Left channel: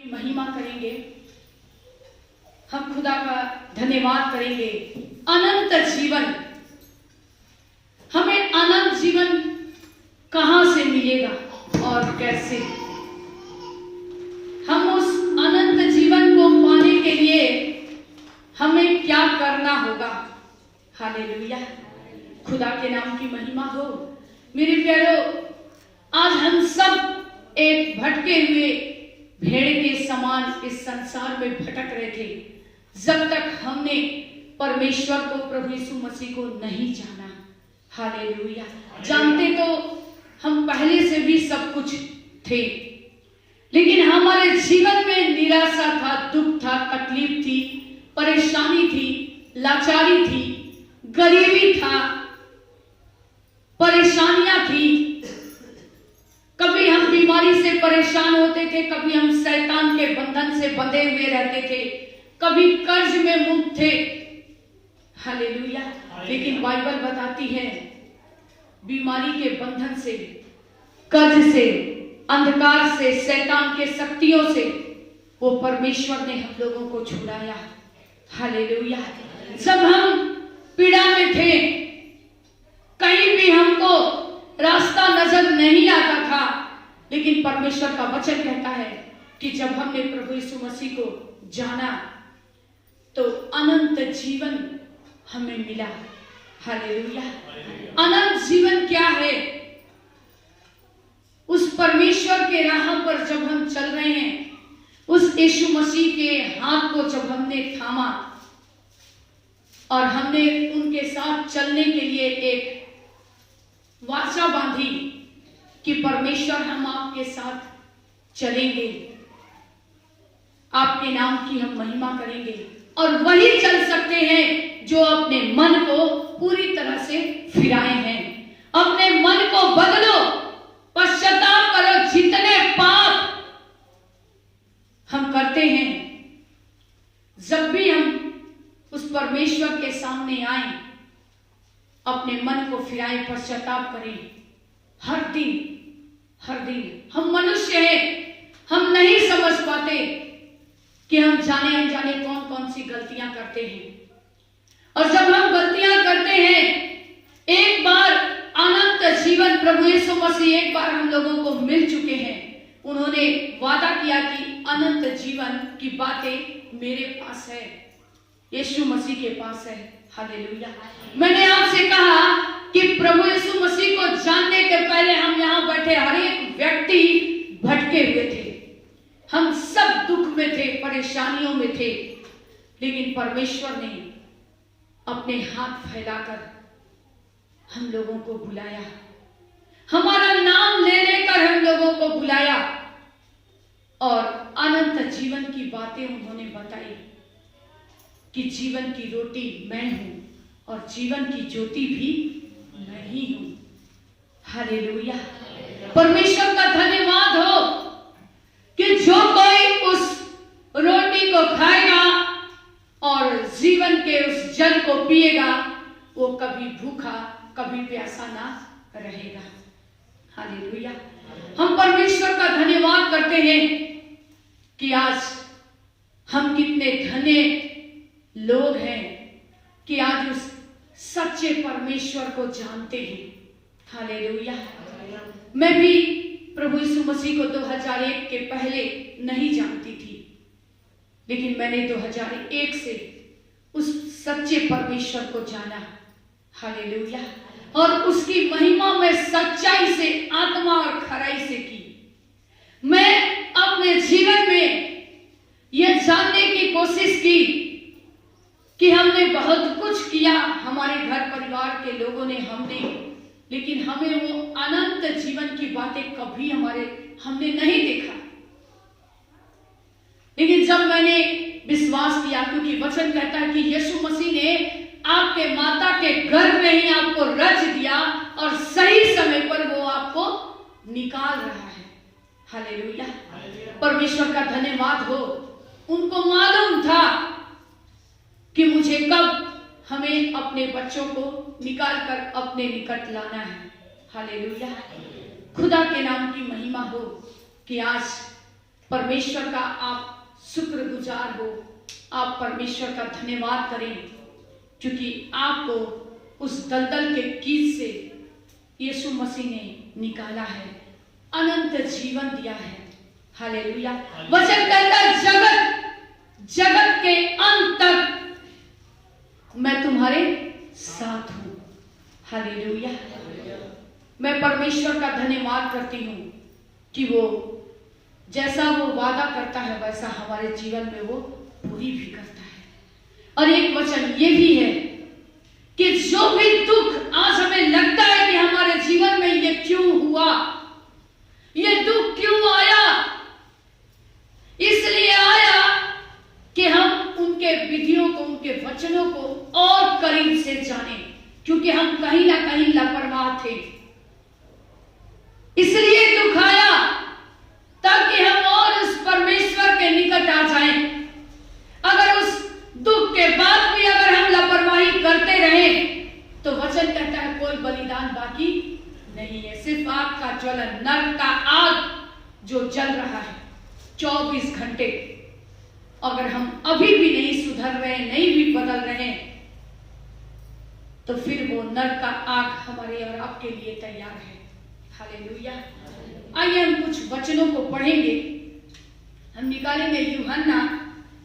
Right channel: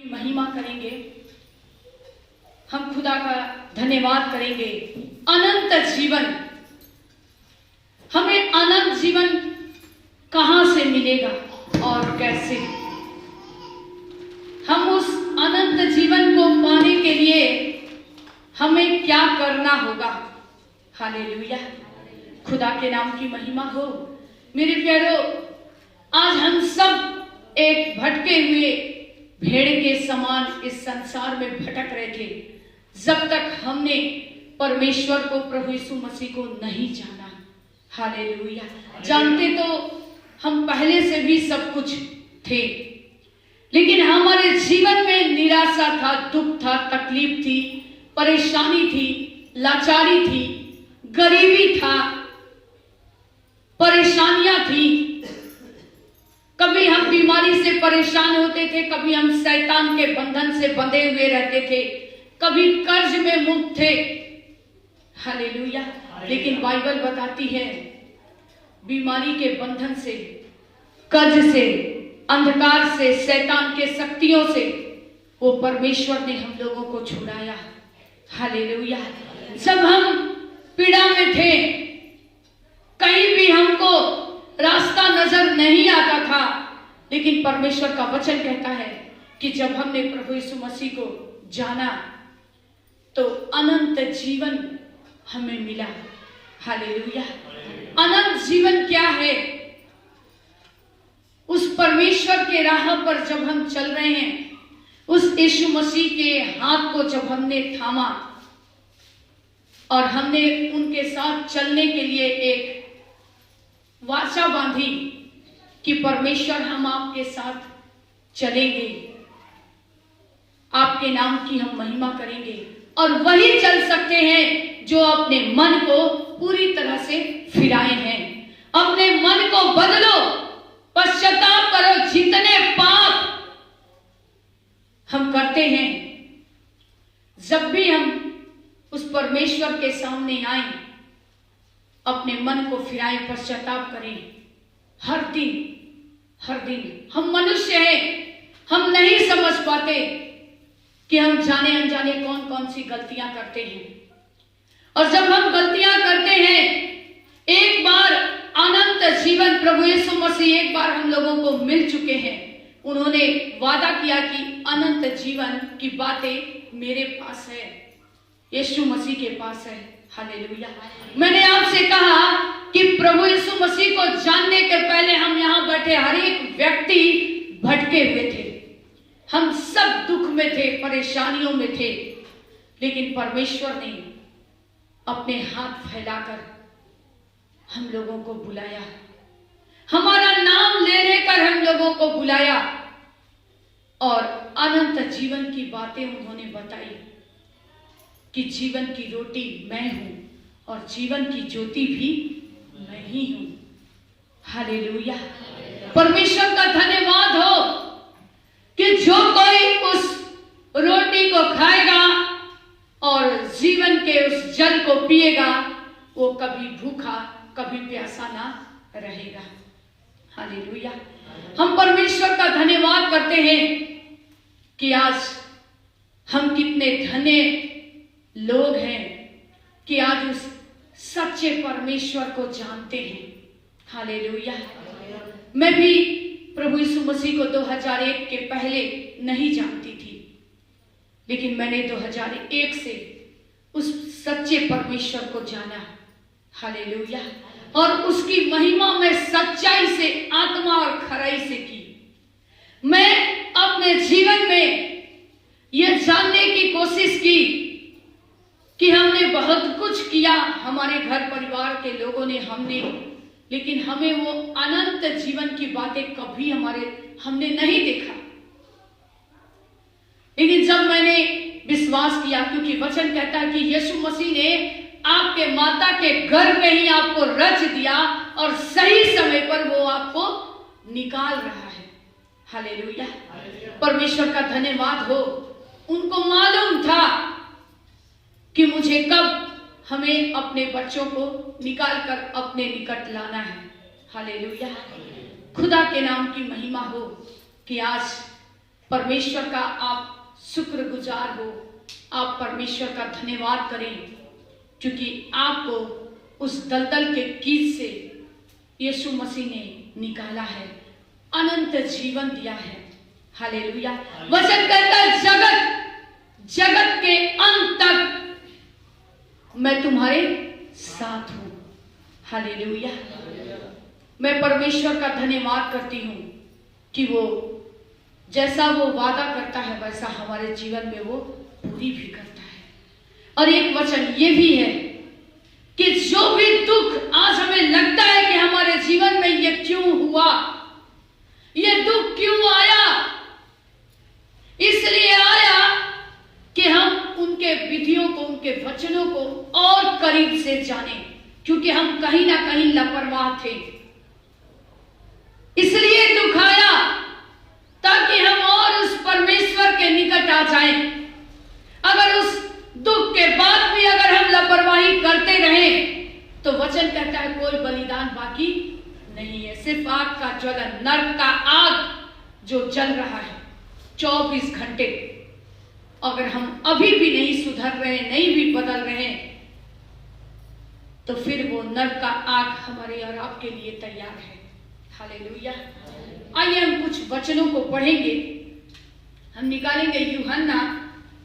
महिमा करेंगे, हम खुदा का धन्यवाद करेंगे। अनंत जीवन, हमें अनंत जीवन कहां से मिलेगा और कैसे? हम उस अनंत जीवन को पाने के लिए हमें क्या करना होगा? हालेलुया, खुदा के नाम की महिमा हो। मेरे प्यारो, आज हम सब एक भटके हुए भेड़ के समान इस संसार में भटक रहे थे, जब तक हमने परमेश्वर को, प्रभु यीशु मसीह को नहीं जाना। हालेलुया, जानते तो हम पहले से भी सब कुछ थे, लेकिन हमारे जीवन में निराशा था, दुख था, तकलीफ थी, परेशानी थी, लाचारी थी, गरीबी था, परेशानियां थी। कभी हम बीमारी से परेशान होते थे, कभी हम शैतान के बंधन से बंधे हुए रहते थे, कभी कर्ज में मुक्त थे। हालेलुया, लेकिन बाइबल बताती है बीमारी के बंधन से, कर्ज से, अंधकार से, शैतान के शक्तियों से वो परमेश्वर ने हम लोगों को छुड़ाया। हालेलुया, जब हम पीड़ा में थे, कहीं भी हमको रास्ता नजर नहीं आता था, लेकिन परमेश्वर का वचन कहता है कि जब हमने प्रभु यीशु मसीह को जाना तो अनंत जीवन हमें मिला। हालेलुया, अनंत जीवन क्या है? उस परमेश्वर के राह पर जब हम चल रहे हैं, उस यीशु मसीह के हाथ को जब हमने थामा और हमने उनके साथ चलने के लिए एक वाचा बांधी कि परमेश्वर हम आपके साथ चलेंगे, आपके नाम की हम महिमा करेंगे, और वही चल सकते हैं जो अपने मन को पूरी तरह से फिराए हैं। अपने मन को बदलो, पश्चाताप करो। जितने पाप हम करते हैं, जब भी हम उस परमेश्वर के सामने आए, अपने मन को फिराए, पश्चाताप करें। हर दिन हम मनुष्य हैं, हम नहीं समझ पाते कि हम जाने अनजाने कौन कौन सी गलतियां करते हैं। और जब हम गलतियां करते हैं, एक बार अनंत जीवन प्रभु यीशु मसीह एक बार हम लोगों को मिल चुके हैं। उन्होंने वादा किया कि अनंत जीवन की बातें मेरे पास है, यीशु मसीह के पास है। हालेलुया, मैंने आपसे कहा कि प्रभु यीशु मसीह को जानने के पहले हम यहाँ बैठे हर एक व्यक्ति भटके हुए थे। हम सब दुख में थे, परेशानियों में थे, लेकिन परमेश्वर ने अपने हाथ फैलाकर हम लोगों को बुलाया, हमारा नाम ले लेकर हम लोगों को बुलाया, और अनंत जीवन की बातें उन्होंने बताई कि जीवन की रोटी मैं हूं और जीवन की ज्योति भी मैं ही हूं। हालेलुया, परमेश्वर का धन्यवाद हो कि जो कोई उस रोटी को खाएगा और जीवन के उस जल को पिएगा, वो कभी भूखा, कभी प्यासा ना रहेगा। हालेलुया, हम परमेश्वर का धन्यवाद करते हैं कि आज हम कितने धन्य लोग हैं कि आज उस सच्चे परमेश्वर को जानते हैं। हालेलुया, मैं भी प्रभु यीशु मसीह को 2001 के पहले नहीं जानती थी, लेकिन मैंने 2001 से उस सच्चे परमेश्वर को जाना। हालेलुया, और उसकी महिमा में सच्चाई से, आत्मा और खराई से की। मैं अपने जीवन में यह जानने की कोशिश की कि हमने बहुत कुछ किया, हमारे घर परिवार के लोगों ने, हमने, लेकिन हमें वो अनंत जीवन की बातें कभी हमने नहीं देखा। लेकिन जब मैंने विश्वास किया, क्योंकि वचन कहता है कि यीशु मसीह ने आपके माता के गर्भ में ही आपको रच दिया और सही समय पर वो आपको निकाल रहा है। हालेलुया, परमेश्वर का धन्यवाद हो। उनको मालूम था कि मुझे कब हमें अपने बच्चों को निकाल कर अपने निकट लाना है। हालेलुया, खुदा के नाम की महिमा हो कि आज परमेश्वर का आप शुक्रगुजार हो, आप परमेश्वर का धन्यवाद करें, क्योंकि आपको उस दलदल के कीच से यीशु मसीह ने निकाला है, अनंत जीवन दिया है। हालेलुया। वचन कहता है जगत के अंत तक मैं तुम्हारे साथ हूं। हालेलुया। मैं परमेश्वर का धन्यवाद करती हूं कि वो जैसा वो वादा करता है वैसा हमारे जीवन में वो पूरी भी करता है। और एक वचन ये भी है कि जो भी दुख आज हमें लगता है कि हमारे जीवन में ये क्यों हुआ, ये दुख क्यों आया, इसलिए आया कि हम उनके विधियों को, उनके वचनों को और करीब से जानें, क्योंकि हम कहीं ना कहीं लापरवाह थे। इसलिए दुख आया ताकि हम और उस परमेश्वर के निकट आ जाएं। अगर उस दुख के बाद भी अगर हम लापरवाही करते रहे तो वचन कहता है कोई बलिदान बाकी नहीं है, सिर्फ आग का ज्वलन, नरक का आग जो जल रहा है 24 घंटे। अगर हम अभी भी नहीं सुधर रहे, नहीं भी बदल रहे, तो फिर वो नरक का आग हमारे और आपके लिए तैयार है। हालेलुया। आइए हम कुछ वचनों को पढ़ेंगे। हम निकालेंगे यूहन्ना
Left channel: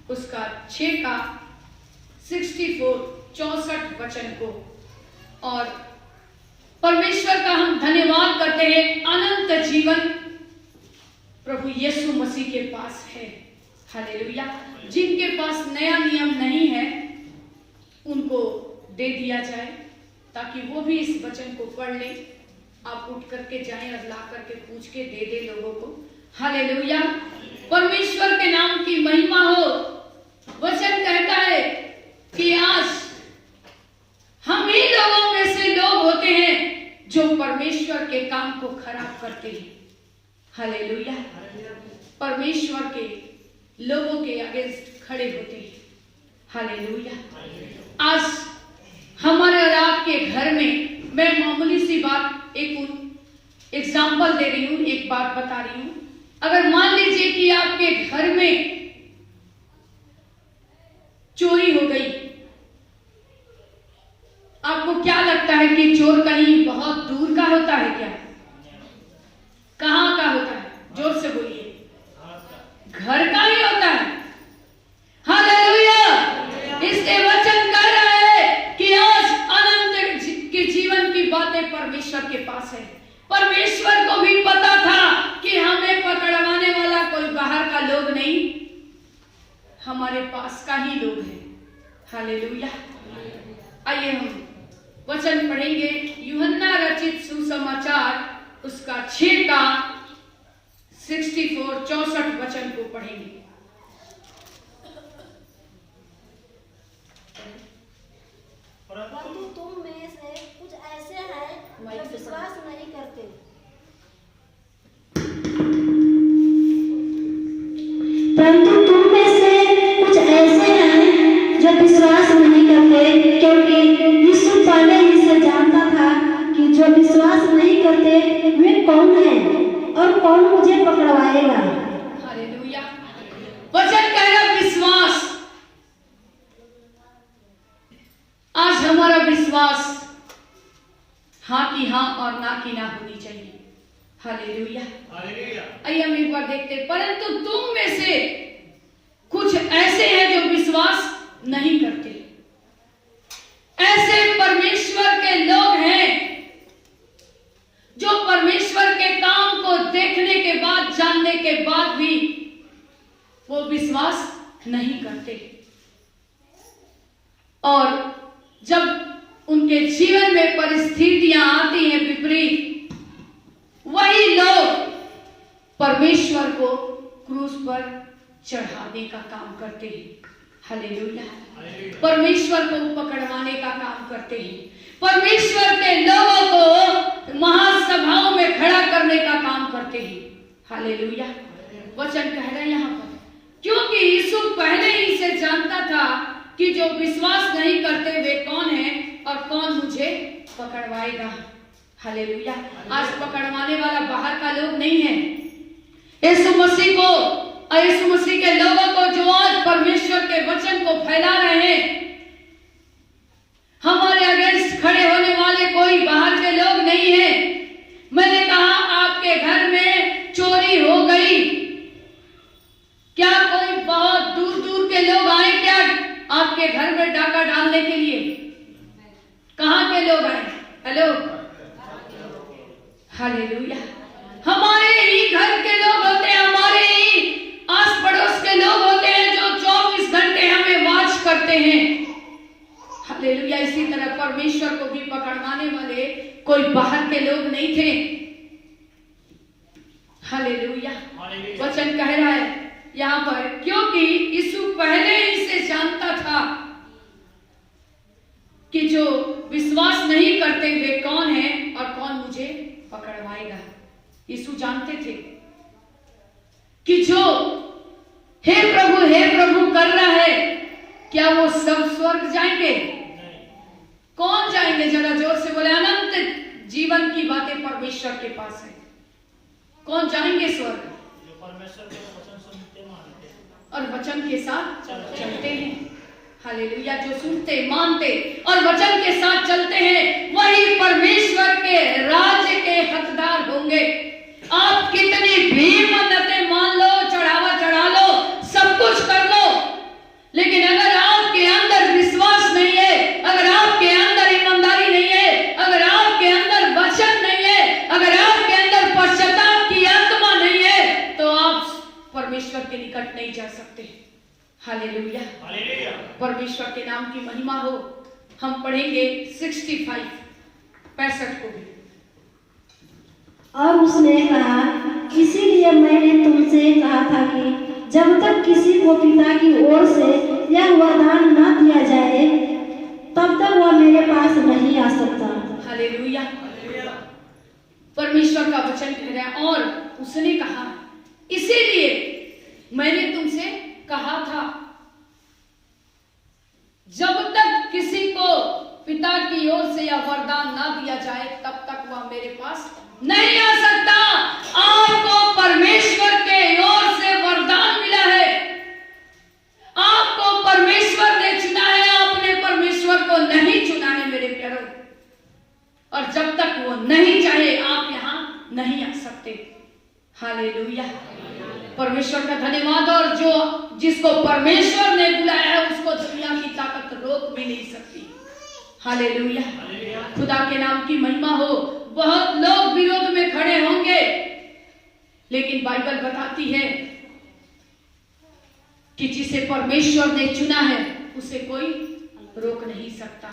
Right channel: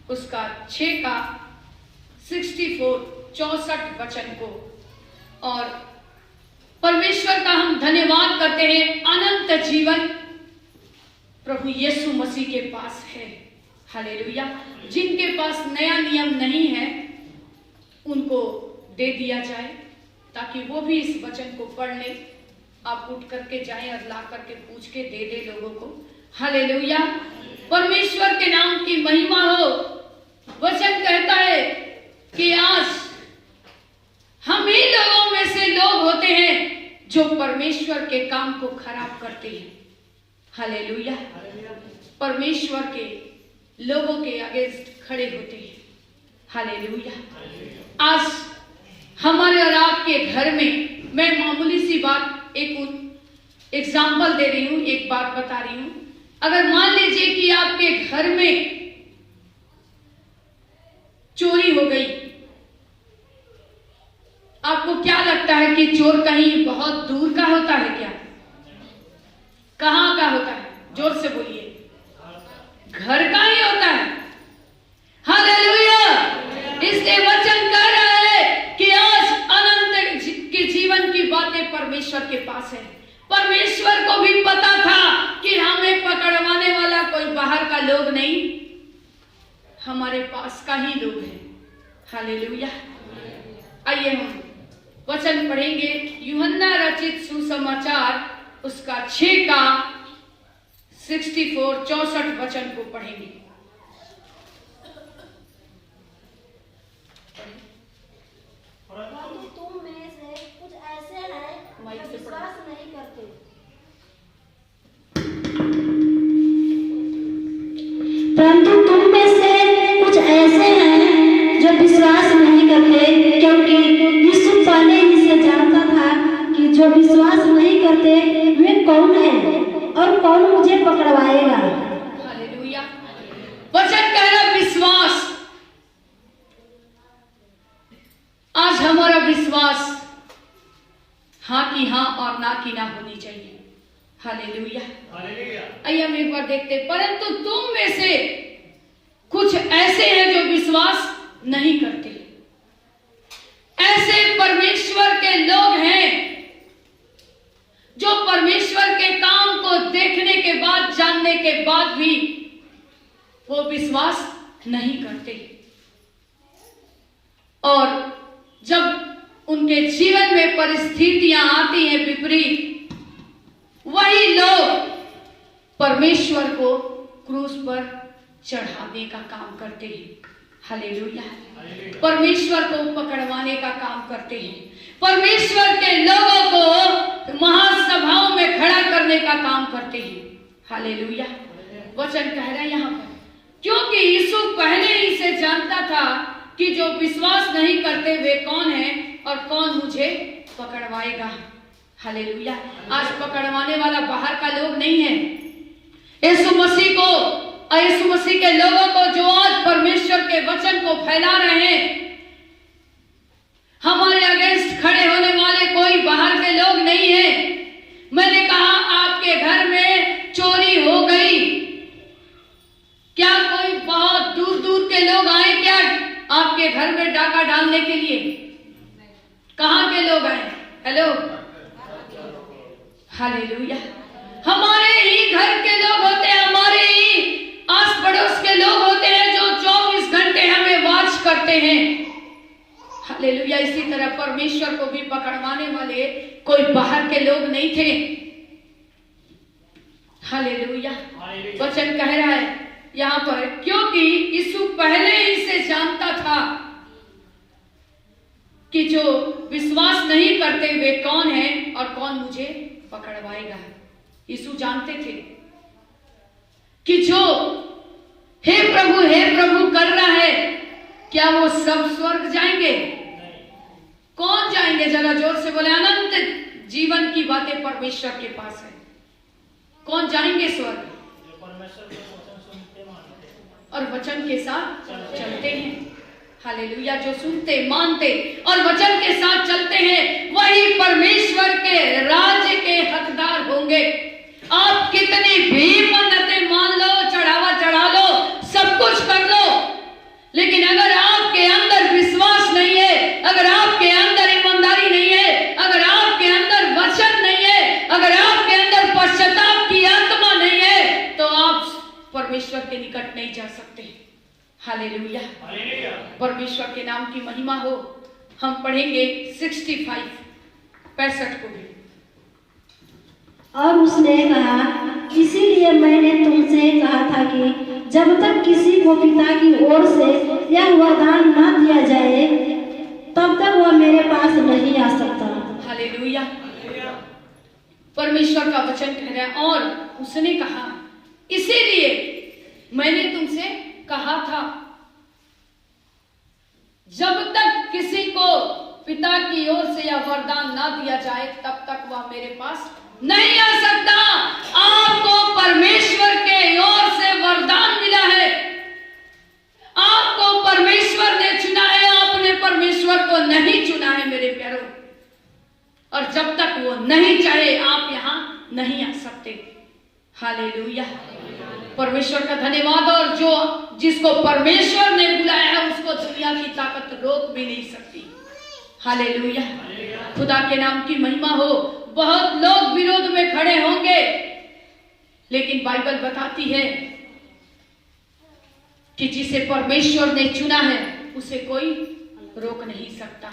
उसका 6 का 64 वचन को, और परमेश्वर का हम धन्यवाद करते हैं। अनंत जीवन प्रभु यीशु मसीह के पास है। हालेलुया। जिनके पास नया नियम नहीं है उनको दे दिया जाए ताकि वो भी इस वचन को पढ़ ले। आप उठ करके जाएं और ला करके पूछ के दे दे लोगों को। हालेलुया। परमेश्वर के नाम की महिमा हो। वचन कहता है कि आज हम ही लोगों में से लोग होते हैं जो परमेश्वर के काम को खराब करते हैं। हालेलुया। परमेश्वर के लोगों के अगेंस्ट खड़े होते हैं। हालेलुया। आज हमारे और आपके घर में, मैं मामूली सी बात एक एग्जाम्पल दे रही हूं, एक बात बता रही हूं। अगर मान लीजिए कि आपके घर में चोरी हो गई, आपको क्या लगता है कि चोर कहीं बहुत दूर का होता है क्या? कहां का होता है? जोर से बोलिए। घर का ही होता है। हालेलुया। इसलिए वचन कह रहा है कि आज अनंत के जीवन की बातें परमेश्वर के पास है। परमेश्वर को भी पता था कि हमें पकड़वाने वाला कोई बाहर का लोग नहीं, हमारे पास का ही लोग है। हालेलुया। आइए हम वचन पढ़ेंगे। यूहन्ना रचित सुसमाचार उसका 6 का 64 वचन को पढ़ेंगे। परंतु तुम में से कुछ ऐसे हैं जो विश्वास नहीं करते। परंतु तुम में से कुछ ऐसे हैं जो विश्वास नहीं करते, क्योंकि यीशु पहले ही से जानता था कि जो विश्वास नहीं करते वे कौन हैं और कौन मुझे पकड़वाएगा। हालेलुया। वचन कह रहा विश्वास। आज हमारा विश्वास हाँ की हाँ और ना की ना होनी चाहिए। हालेलुया। आइए हम एक बार देखते हैं। परंतु तुम में से कुछ ऐसे हैं जो विश्वास नहीं करते। ऐसे परमेश्वर के लोग हैं जो परमेश्वर के काम को देखने के बाद, जानने के बाद भी वो विश्वास नहीं करते। और जब उनके जीवन में परिस्थितियां आती हैं विपरीत, वही लोग परमेश्वर को क्रूस पर चढ़ाने का काम करते हैं। हालेलुया। परमेश्वर को पकड़वाने का काम करते हैं। परमेश्वर के लोगों को महासभाओं में खड़ा करने का काम करते हैं। हालेलुया। वचन कह रहा है यहाँ पर, क्योंकि यीशु पहले ही से जानता था कि जो विश्वास नहीं करते वे कौन हैं और कौन मुझे पकड़वाएगा। हालेलुया। आज पकड़वाने वाला बाहर का लोग नहीं है। यीशु मसीह को और यीशु मसीह के लोगों को जो आज परमेश्वर के वचन को फैला रहे हैं, हमारे अगेंस्ट खड़े होने वाले कोई बाहर के लोग नहीं है। मैंने कहा आपके घर में चोरी हो गई, क्या कोई बहुत दूर दूर के लोग आए क्या आपके घर में डाका डालने के लिए? कहां के लोग आए? Hello, hallelujah. हमारे ही घर के लोग होते हैं, हमारे ही आस पड़ोस के लोग होते हैं जो 24 घंटे हमें वॉच करते हैं। हालेलुया। इसी तरह परमेश्वर को भी पकड़वाने वाले कोई बाहर के लोग नहीं थे। हालेलुया। वचन कह रहा है यहाँ पर, क्योंकि यीशु पहले ही से जानता था कि जो विश्वास नहीं करते वे कौन है और कौन मुझे पकड़वाएगा। यीशु जानते थे कि जो हे प्रभु कर रहा है, क्या वो सब स्वर्ग जाएंगे? कौन जाएंगे? जरा जोर से बोले। अनंत जीवन की बातें परमेश्वर के पास है। कौन जाएंगे स्वर्ग? और वचन के साथ चलते हैं। हालेलुया। जो सुनते, मानते और वचन के साथ चलते हैं वही परमेश्वर के राज्य के हकदार होंगे। आप कितनी भी मन्नतें मान लो, चढ़ावा चढ़ा लो, सब कुछ कर लो, लेकिन अगर आपके अंदर विश्वास नहीं है, अगर आपके अंदर ईमानदारी नहीं है, अगर आपके अंदर वचन नहीं है, अगर आपके अंदर पश्चाताप की आत्मा नहीं है, तो आप परमेश्वर के निकट नहीं जा सकते। हालेलुया। परमेश्वर के नाम की महिमा हो। हम पढ़ेंगे 65 को भी। और उसने कहा, इसीलिए मैंने तुमसे कहा था कि जब तक किसी को पिता की ओर से यह वरदान न दिया जाए तब तक वह मेरे पास नहीं आ सकता। हालेलुया। परमेश्वर का वचन कह रहा है, और उसने कहा, इसीलिए मैंने तुमसे कहा था, जब तक किसी को पिता की ओर से यह वरदान ना दिया जाए तब तक वह मेरे पास नहीं आ सकता। आपको परमेश्वर के ओर से वरदान मिला है, आपको परमेश्वर ने चुना है, आपने परमेश्वर को नहीं चुना है मेरे प्यारों। और जब तक वो नहीं चाहे आप यहां नहीं आ सकते। हालेलुया। परमेश्वर का धन्यवाद। और जो जिसको परमेश्वर ने बुलाया है उसको दुनिया की ताकत रोक भी नहीं सकती। हालेलुया। खुदा के नाम की महिमा हो। बहुत लोग विरोध में खड़े होंगे, लेकिन बाइबल बताती है कि जिसे परमेश्वर ने चुना है उसे कोई रोक नहीं सकता।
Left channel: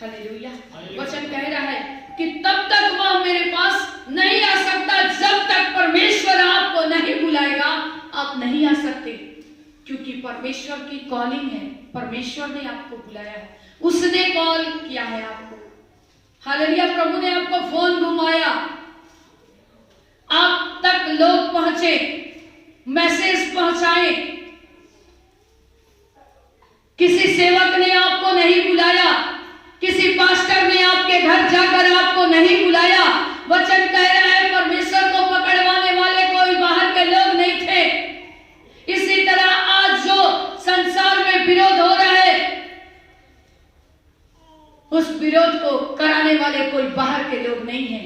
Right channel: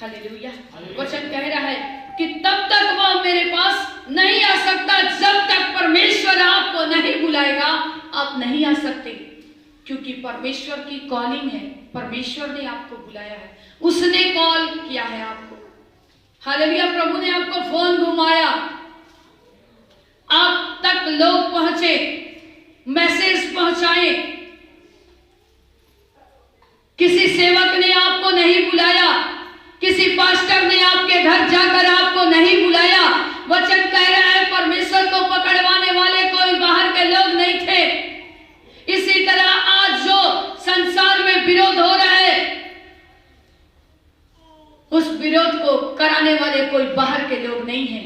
हालेलुया। वचन कह रहा है कि तब तक वह मेरे पास नहीं आ सकता, जब तक परमेश्वर आपको नहीं बुलाएगा आप नहीं आ सकते। क्योंकि परमेश्वर की कॉलिंग है, परमेश्वर ने आपको बुलाया है, उसने कॉल किया है आपको। हालेलुया। प्रभु ने आपको फोन घुमाया, आप तक लोग पहुंचे, मैसेज पहुंचाए। किसी सेवक ने आपको नहीं बुलाया, किसी पास्टर ने आपके घर जाकर आपको नहीं बुलाया। वचन कह रहा है परमेश्वर को पकड़वाने वाले कोई बाहर के लोग नहीं थे। इसी तरह आज जो संसार में विरोध हो रहा है, उस विरोध को कराने वाले कोई बाहर के लोग नहीं हैं।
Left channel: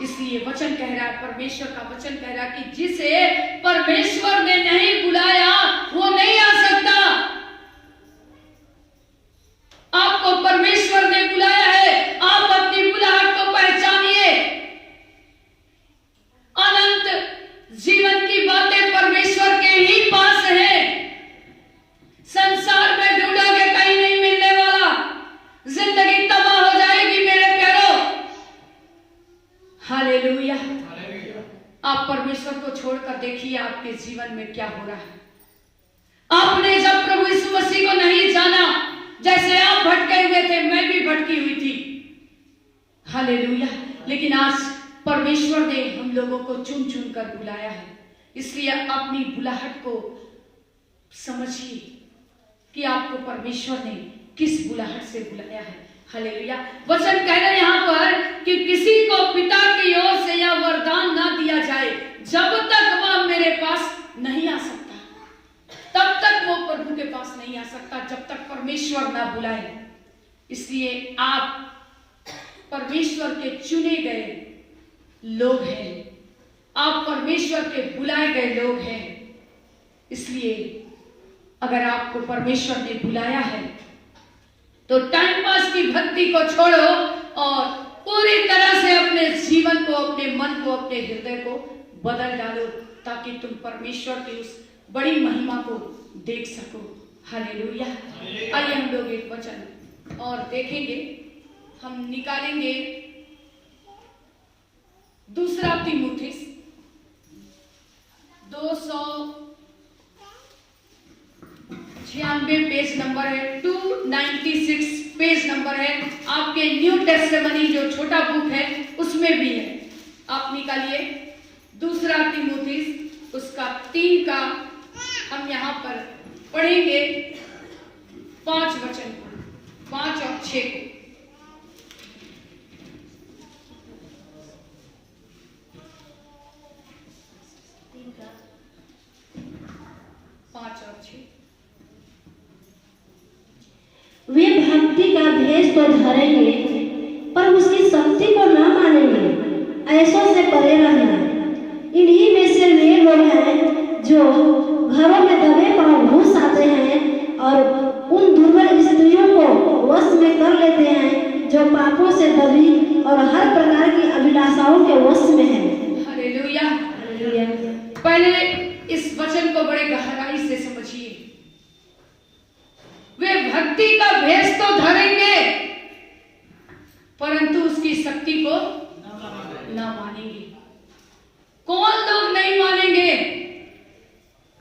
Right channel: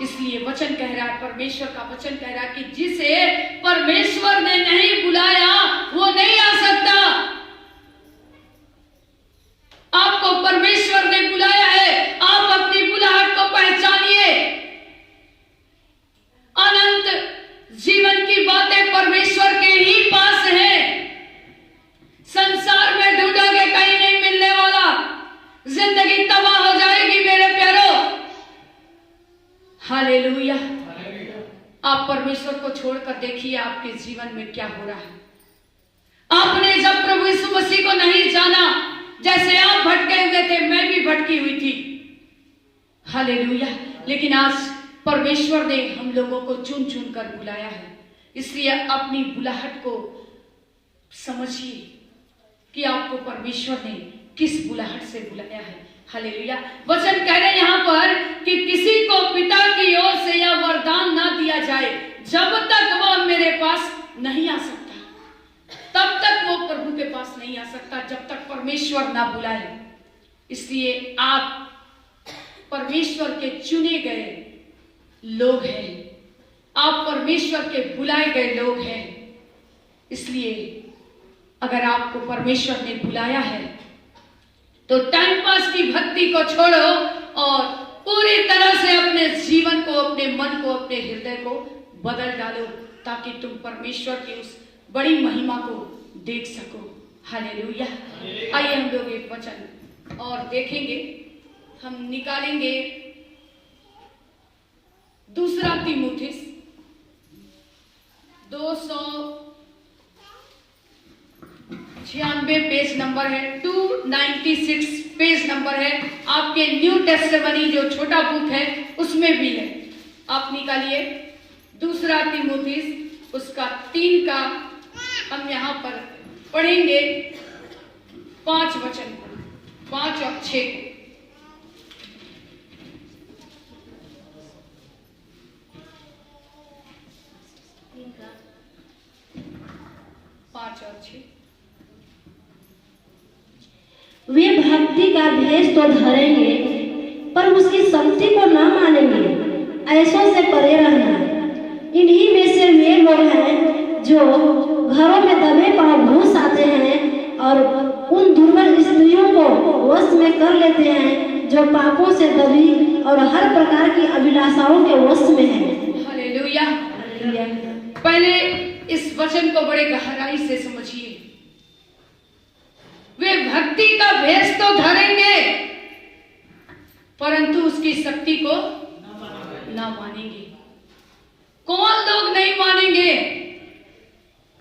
इसलिए वचन कह रहा है, परमेश्वर का वचन कह रहा है कि जिसे परमेश्वर ने नहीं बुलाया वो नहीं आ सकता। आपको परमेश्वर ने बुलाया है, आप अपनी बुलाहट को पहचानिए। अनंत जीवन की बातें परमेश्वर के ही पास है। संसार में ढूंढोगे कहीं नहीं मिलने वाला, जिंदगी तबाह हो जाएगी मेरे प्यारों। हालेलुया। आप परमेश्वर को छोड़कर देखिए आपके जीवन में क्या हो रहा है। आपने जब प्रभु यीशु मसीह को नहीं जाना, जैसे आप भटके हुए थे, मैं भी भटकी हुई थी। हालेलुया। लेकिन आज परमेश्वर ने हम लोगों को चुन चुन कर बुलाया है। इसलिए अपनी बुलाहट को समझिए कि आपको परमेश्वर ने किस बुलाहट से बुलाया है। हालेलुया। वचन कह रहे हैं यहाँ पर कि किसी को पिता की ओर से यह वरदान ना दिया जाए जब तक वह मेरे पास नहीं आ सकता, तब तक वो प्रभु के पास नहीं आ सकता जब तक परमेश्वर ना बुलाए। इसलिए आप परमेश्वर के चुने गए लोग हैं, आप परमेश्वर के बुलाए गए लोग हैं। इसलिए अगर आपको परमेश्वर ने बुलाया है तो टाइम पास की भक्ति को छोड़ो और पूरी तरह से अपने जीवन को, अपने मन को, अपने हृदय को बदल डालो, ताकि तुम परमेश्वर की उस बड़ी महिमा को देख सको। हालेलुया। आइए हम लोग एक वचन और देखेंगे, हम निकालेंगे दूसरा तीमुथियुस 296 पेज नंबर है, 296 पेज नंबर है। आपके न्यू टेस्टिमनी जो छोटा बुक है उसमें भी है, आप निकालिए दूसरा तीमुथियुस उसका 3 का हम यहाँ पर पढ़ेंगे 5 वचन, 5 और 6 को। 5 और 6। वे भक्ति का भेष तो धरेंगे पर उसकी शक्ति को न मानेंगे, ऐसों से परे रहना। इन्हीं में से वे लोग हैं जो घरों में दबे पांव घुस आते हैं और उन दुर्बल स्त्रियों को वश में कर लेते हैं जो पापों से दबी और हर प्रकार की अभिलाषाओं के वश में हैं। हालेलुया। पहले इस वचन को बड़े गहराई से समझिए। वे भक्ति का भेष तो धरेंगे परंतु उसकी शक्ति को ना मानेंगे। कौन लोग नहीं मानेंगे?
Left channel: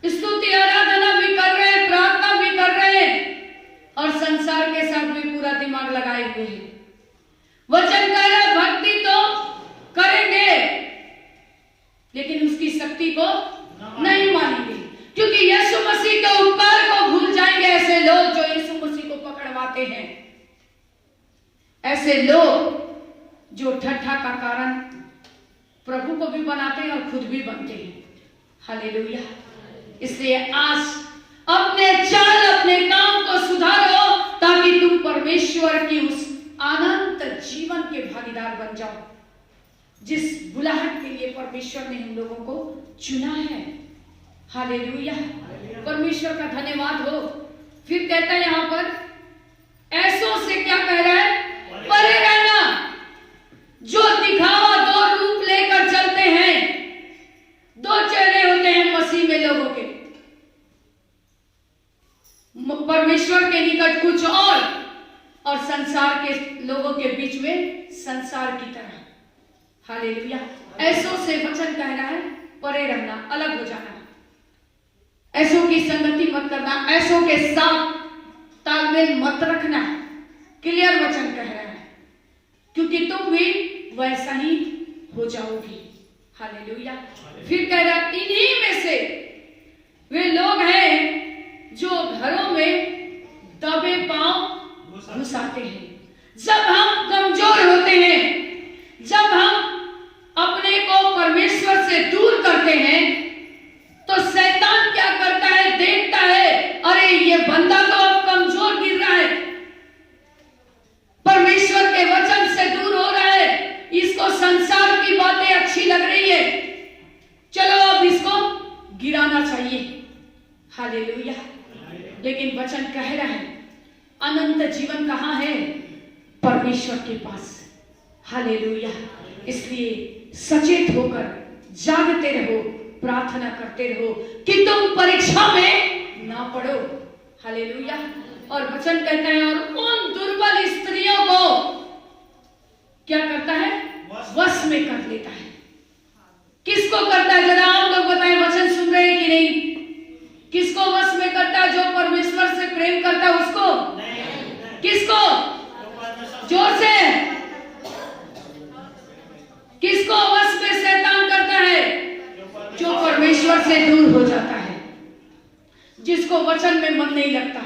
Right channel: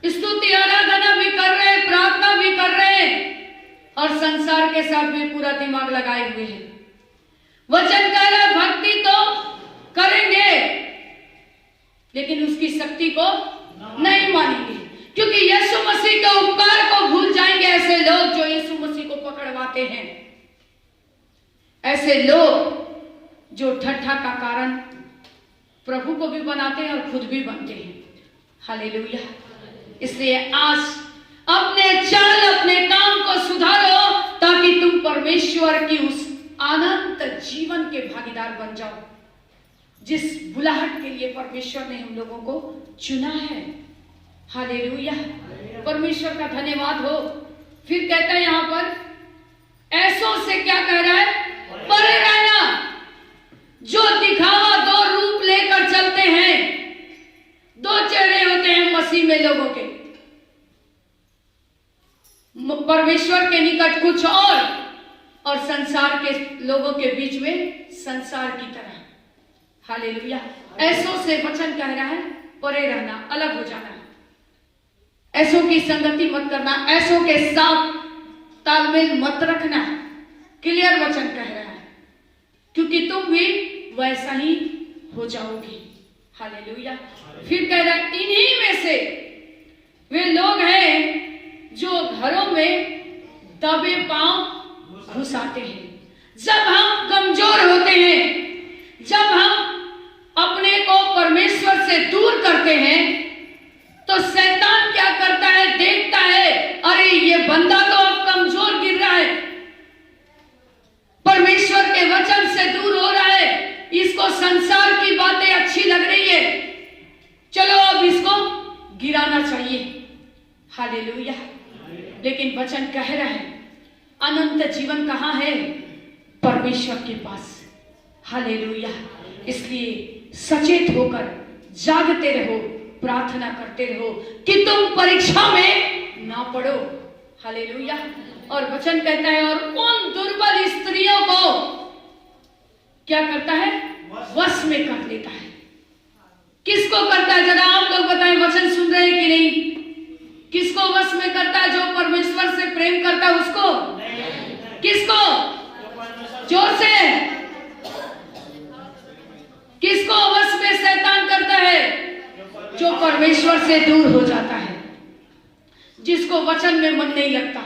स्तुति आराधना भी कर रहे, प्रार्थना भी कर रहे और संसार के साथ भी पूरा दिमाग लगाए हुए हैं। वचन कह रहा भक्ति तो करेंगे लेकिन उसकी शक्ति को नहीं मानेंगे, क्योंकि यीशु मसीह के उपकार को भूल जाएंगे। ऐसे लोग जो यीशु मसीह को पकड़वाते हैं, ऐसे लोग जो ठट्ठा का कारण प्रभु को भी बनाते हैं और खुद भी बनते हैं। हालेलुया। इसलिए आज अपने चाल, अपने काम को सुधारो ताकि तुम परमेश्वर की उस अनंत जीवन के भागीदार बन जाओ जिस बुलाहट के लिए परमेश्वर ने हम लोगों को चुना है। हालेलुया। परमेश्वर का धन्यवाद हो। फिर कहता है यहाँ पर, ऐसों से क्या कह रहा है? परे रहना। जो दिखावा, दो रूप लेकर चलते हैं, दो चेहरे होते हैं मसीह में लोगों के। परमेश्वर के निकट कुछ और संसार के लोगों के बीच में संसार की तरह। हालेलुया। ऐसों से वचन कह रहा है परे रहना, अलग हो जाना। ऐसों की संगति मत करना, ऐसों के साथ तालमेल मत रखना। क्लियर वचन कह रहा है, क्योंकि तुम भी वैसा ही हो जाओगी। हालेलुया। फिर कह रहा है इन्हीं में से वे लोग हैं जो घरों में दबे पांव घुसाते हैं। जब हम कमजोर होते हैं, जब हम अपने को परमेश्वर से दूर करते हैं, तो शैतान क्या करता है? देखता है, अरे ये बंदा तो अब कमजोर गिर रहा है, परमेश्वर के वचन से दूर हो रहा है, इसको संसार की बातें अच्छी लग रही है, चलो अब इसको गिराना चाहिए। हालेलुया। लेकिन वचन कह रहा है अनंत जीवन कहाँ है? परमेश्वर के पास। हालेलुया। इसलिए सचेत होकर जागते रहो, प्रार्थना करते रहो कि तुम परीक्षा में ना पड़ो। हालेलुया। और वचन कहता है, और उन दुर्बल स्त्रियों को क्या करता है? वश में कर लेता है। किसको करता है? जरा आप लोग बताएं, वचन सुन रहे हैं कि नहीं? किसको वश में करता है? जो परमेश्वर से प्रेम करता है उसको। किसको? जोर से। किसको वश में शैतान करता है? जो परमेश्वर से दूर हो जाता है, जिसको वचन में मन नहीं लगता,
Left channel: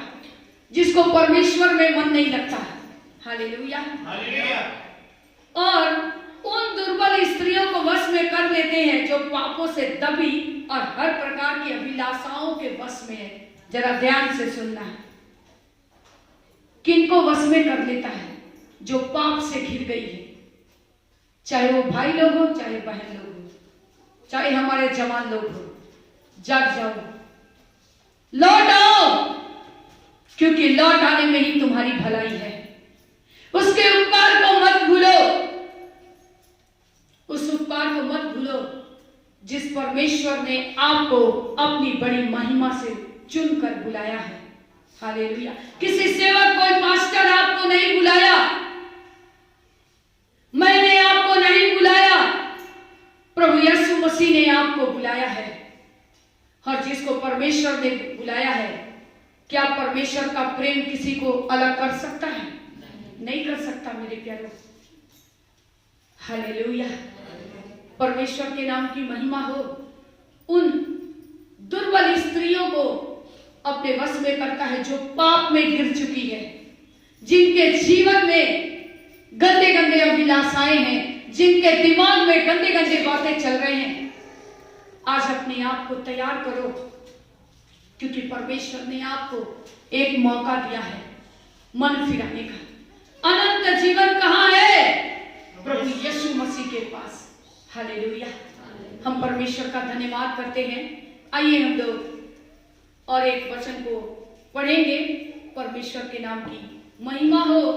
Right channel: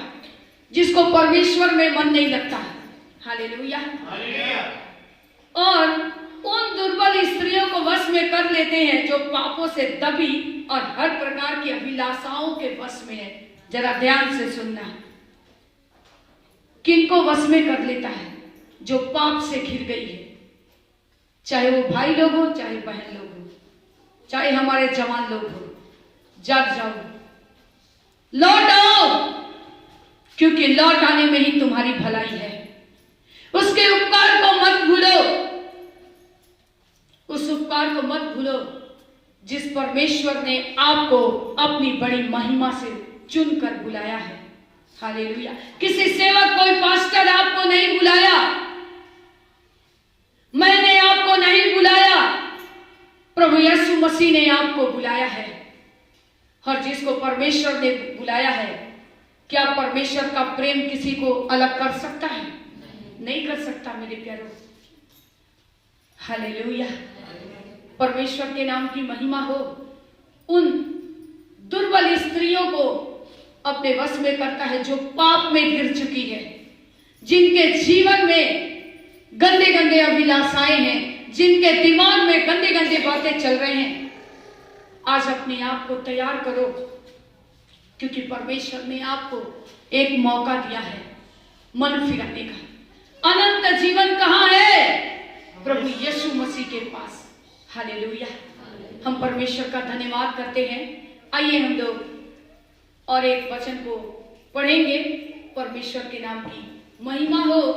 जिसको परमेश्वर में मन नहीं लगता। हालेलुया। और उन दुर्बल स्त्रियों को वश में कर लेते हैं जो पापों से दबी और हर प्रकार की अभिलाषाओं के वश में है। जरा ध्यान से सुनना है। किनको वश में कर लेता है? जो पाप से घिर गई है, चाहे वो भाई लोग हो, चाहे बहन लोग हो, चाहे हमारे जवान लोग हो। जाग जाओ, लौट आओ, क्योंकि लौट आने में ही तुम्हारी भलाई है। उसके उपकार को मत भूलो, उस उपकार को मत भूलो जिस परमेश्वर ने आपको अपनी बड़ी महिमा से चुनकर बुलाया है। हालेलुया। किसी सेवक, कोई पास्टर आपको नहीं बुलाया, मैंने आपको नहीं बुलाया, प्रभु यीशु मसीह ने आपको बुलाया है। और जिसको परमेश्वर ने बुलाया है, क्या परमेश्वर का प्रेम किसी को अलग कर सकता है? नहीं कर सकता मेरे प्यारों। हालेलुया। परमेश्वर के नाम की महिमा हो। उन दुर्बल स्त्रियों को अपने वश में करता है जो पाप में गिर चुकी है, जिनके जीवन में गंदे गंदे अभिलाषाएं हैं, जिनके दिमाग में गंदे गंदे बातें चल रहे हैं। आज अपने आप को तैयार करो, क्योंकि परमेश्वर ने आपको एक मौका दिया है मन फिराने का। अनंत जीवन कहाँ है? प्रभु यीशु मसीह के पास। हालेलुया। हम परमेश्वर का धन्यवाद करते हैं। आइए हम लोग और एक वचन को पढ़ेंगे। परमेश्वर के नाम की महिमा हो।